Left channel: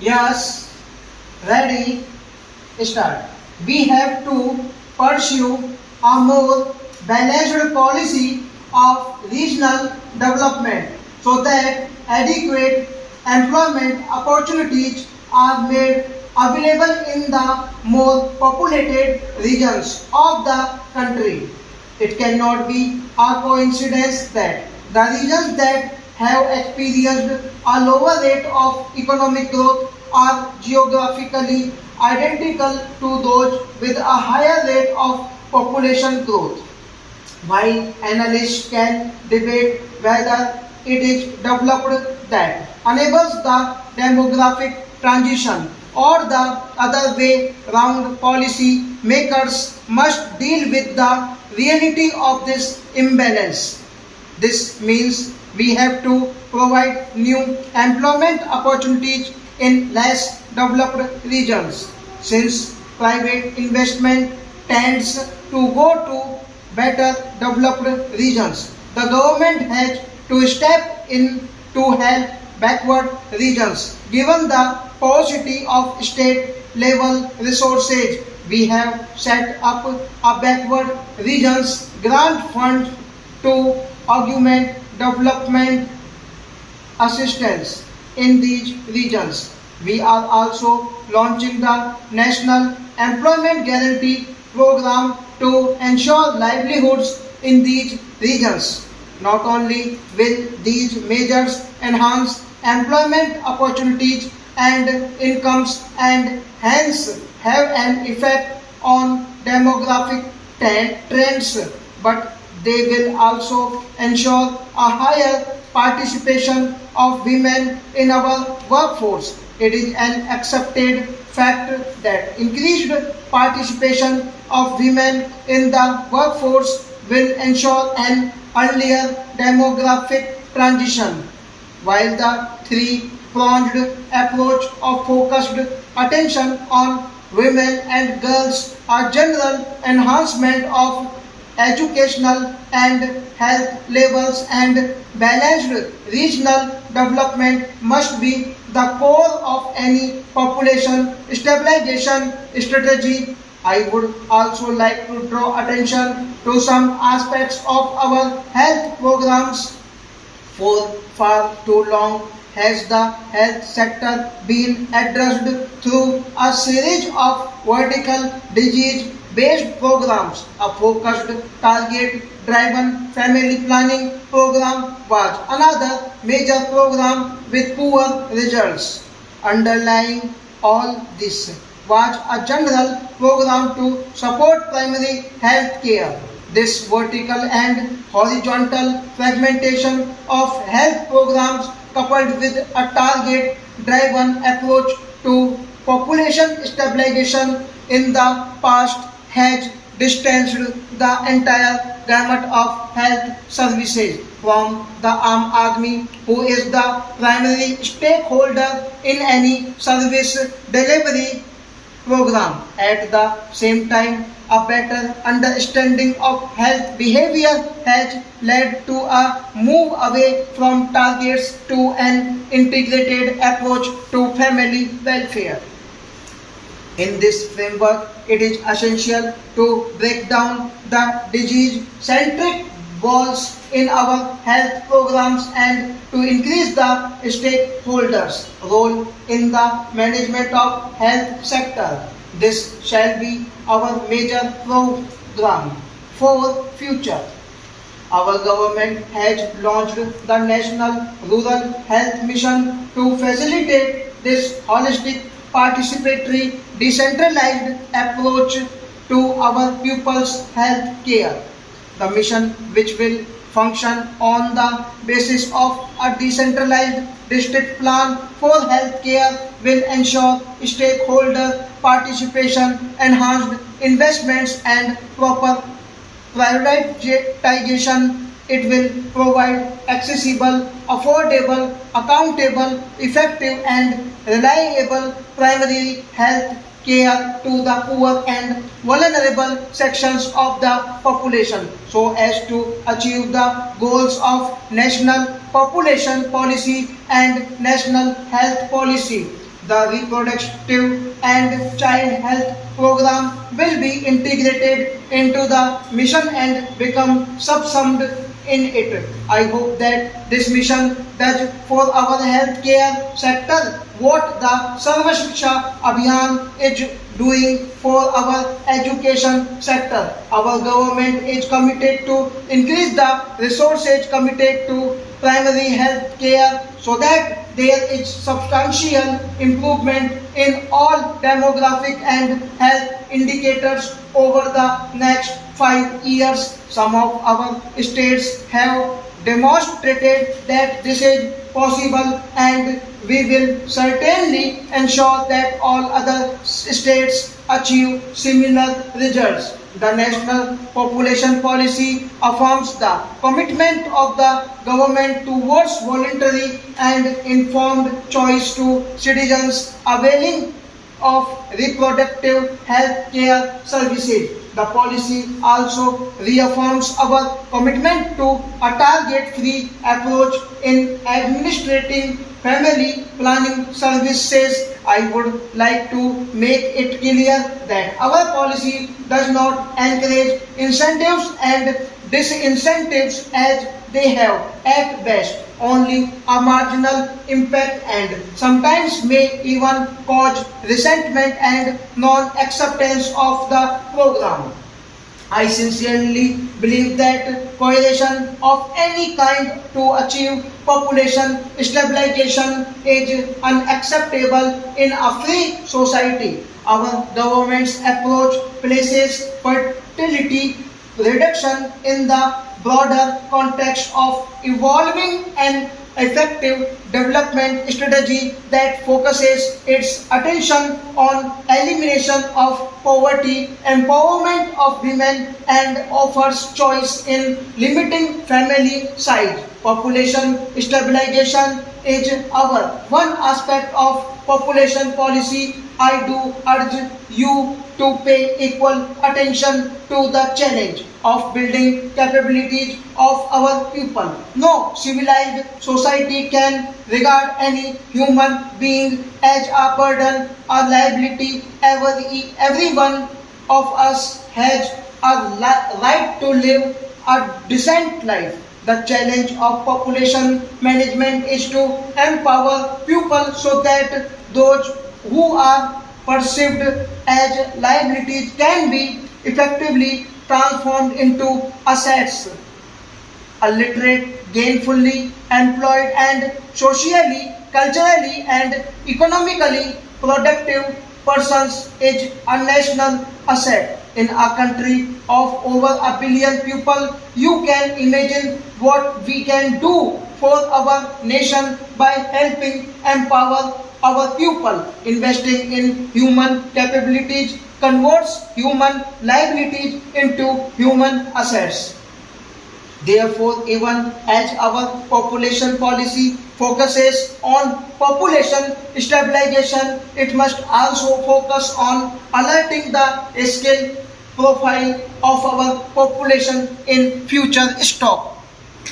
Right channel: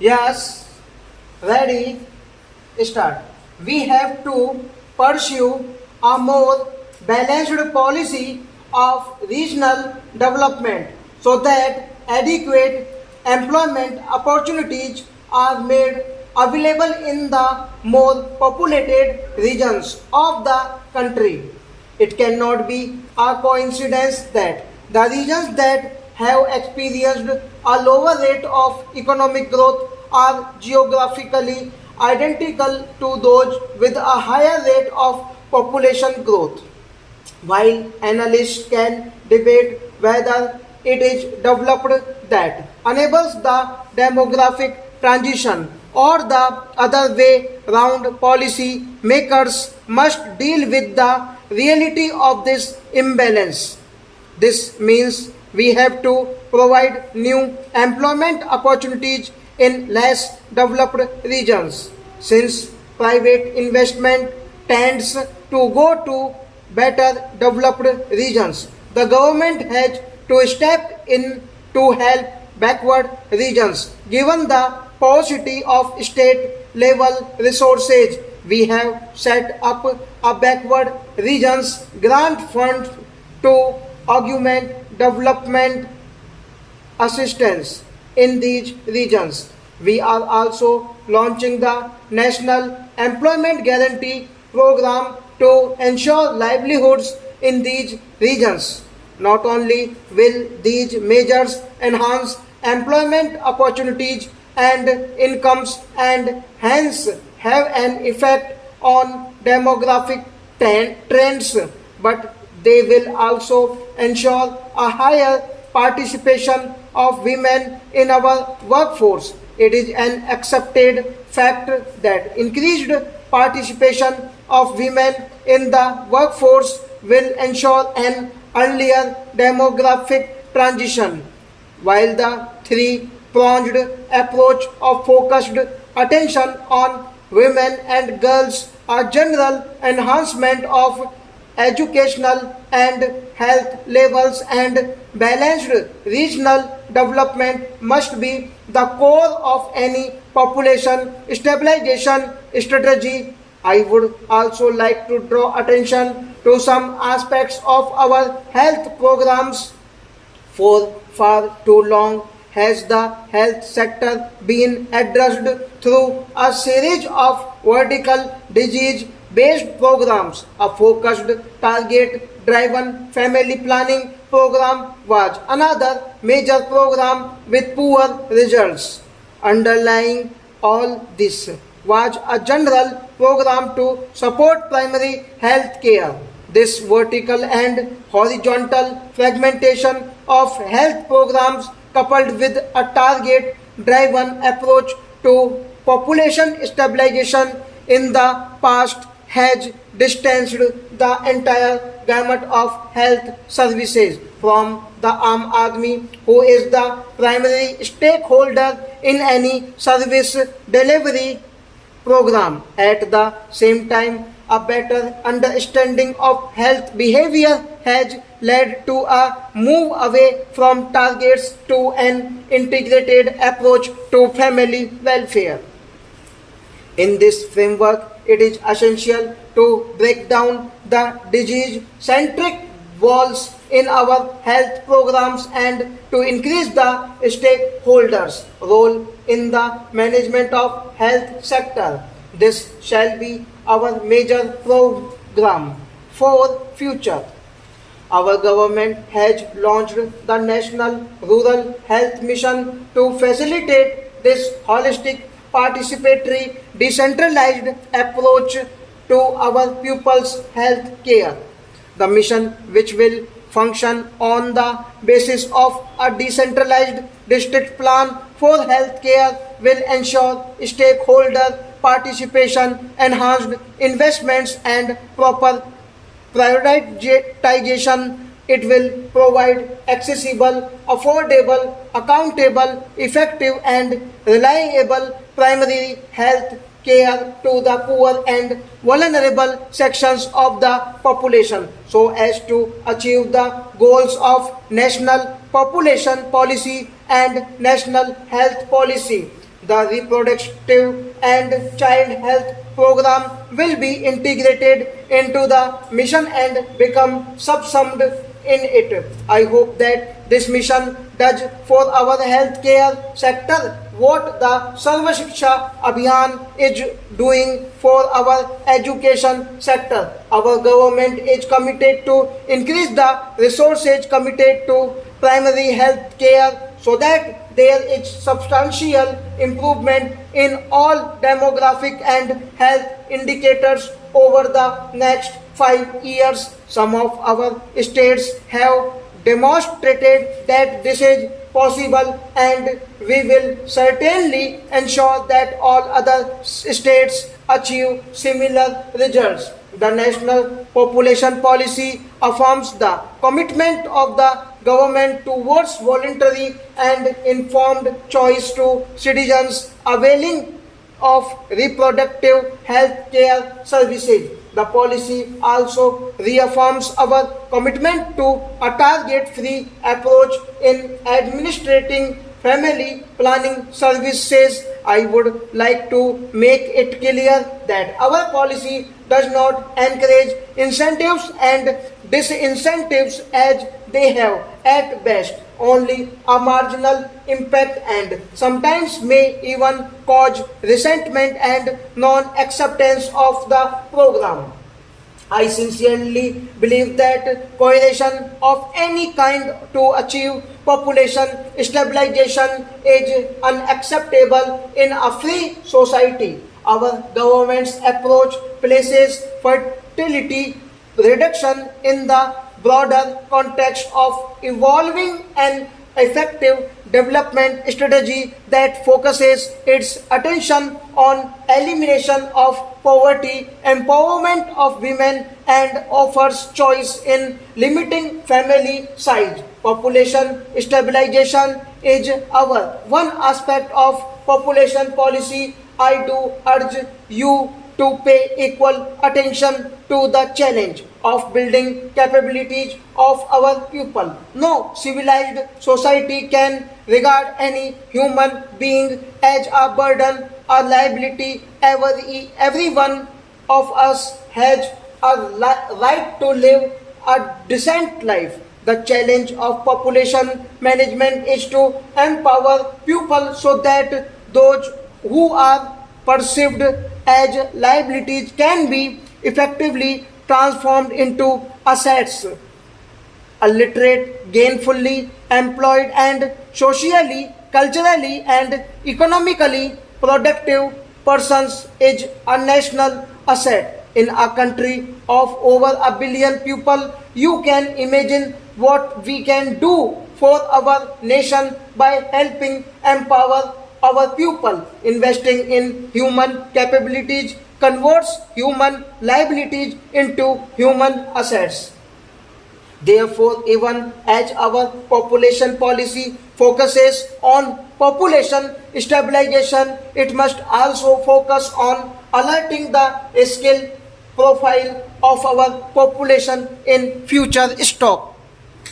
Yes, ready, start. We have to pursue a more balanced policy of regional development so that adequate employment opportunities are made available in the more populated regions of the country. It cannot be a coincidence that the regions that have experienced a lower rate of economic growth are geographically identical to those with a higher rate of population growth. While analysts can debate whether it is developed that enables the demographic transition or the other way round, policy makers must deal with the reality of this imbalance. This means we have to provide new employment opportunities in less developed regions. Since private investment tends to go to better developed regions, the government has to step in to help backward regions. Given the paucity of state level resources, we have set up a backward regions grant fund to augment development assistance in these regions. We are also launching the National Employment Guarantee Program to ensure livelihoods in these regions. Not only will these measures enhance employment opportunities and incomes and hence have an effect on demographic trends, but they will also ensure a higher participation of women in our workforce. It is an accepted fact that increased participation of women in the workforce will ensure an earlier demographic transition, while the three-pronged approach of focused attention on women and girls, a general enhancement of educational and health levels and balanced regional development must be the core of any population stabilization strategy. I would also like to draw attention to some aspects of our health programs. For far too long has the health sector been addressed through a series of vertical disease based programs. A focused target driven family planning program was another major program with poor results. Underlying all this was a general program to support primary health care. This vertical and horizontal fragmentation of health programs coupled with a target driven approach to population stabilization in the past has distanced the entire gamut of health services from the Aam Aadmi, who is the primary stakeholder in any service delivery program. At the same time, a better understanding of health behavior has led to a move away from targets to an integrated approach to family welfare. In this framework, it is essential to break down the disease-centric walls in our health programs and to increase the stakeholders' role in the management of health sector. This shall be our major program for future. Our government has launched the National Rural Health Mission to facilitate this holistic, participatory, decentralized approach to our pupils' health care. The mission, which will function on the basis of a decentralized district plan for health care, will ensure stakeholder participation, enhanced investments, and proper prioritization. It will provide accessible, affordable, accountable, effective, and reliable primary health care to the poor and vulnerable sections of the population so as to achieve the goals of national population policy and national health policy. The reproductive and child health program will be integrated into the mission and become subsumed in it. I hope that this mission does for our healthcare sector what the Sarva Shiksha Abhiyan is doing for our education sector. Our government is committed to increase the resources committed to primary health care so that there is substantial improvement in all demographic and health indicators over the next 5 years. Some of our states have demonstrated that this is possible, and we will certainly ensure that all other states achieve similar results. The National Population Policy affirms the commitment of the government towards voluntary and informed choice to citizens availing of reproductive health care services. The policy also reaffirms our commitment to a target-free approach in administrating family planning services. I would like to make it clear that our policy does not encourage incentives and disincentives as they have at best only a marginal impact and sometimes may even cause resentment and non-acceptance of the program. I sincerely believe that coercion of any kind to achieve population stabilization is unacceptable in a free society. Our government's approach places fertility reduction in the broader context of evolving an effective development strategy that focuses its attention on elimination of poverty, empowerment of women, and offers choice in limiting family size. Population stabilization is our one aspect of population policy. I do urge you to pay equal attention to the challenge of building capabilities of our people. No civilized society can regard any human being as a burden or liability. Every one of us has a right to live a decent life. The challenge of population management is to empower people so that those who are perceived as liabilities can be effectively transformed into assets. A literate, gainfully employed, and socially, culturally, and economically productive persons is a national asset. In a country of over a billion people, you can imagine what we can do for our nation by helping empower our people. Investing in human capabilities converts human liabilities into human assets. Therefore, even as our population policy focuses on population stabilization, it must also focus on alerting the skill profile of our population in future stock.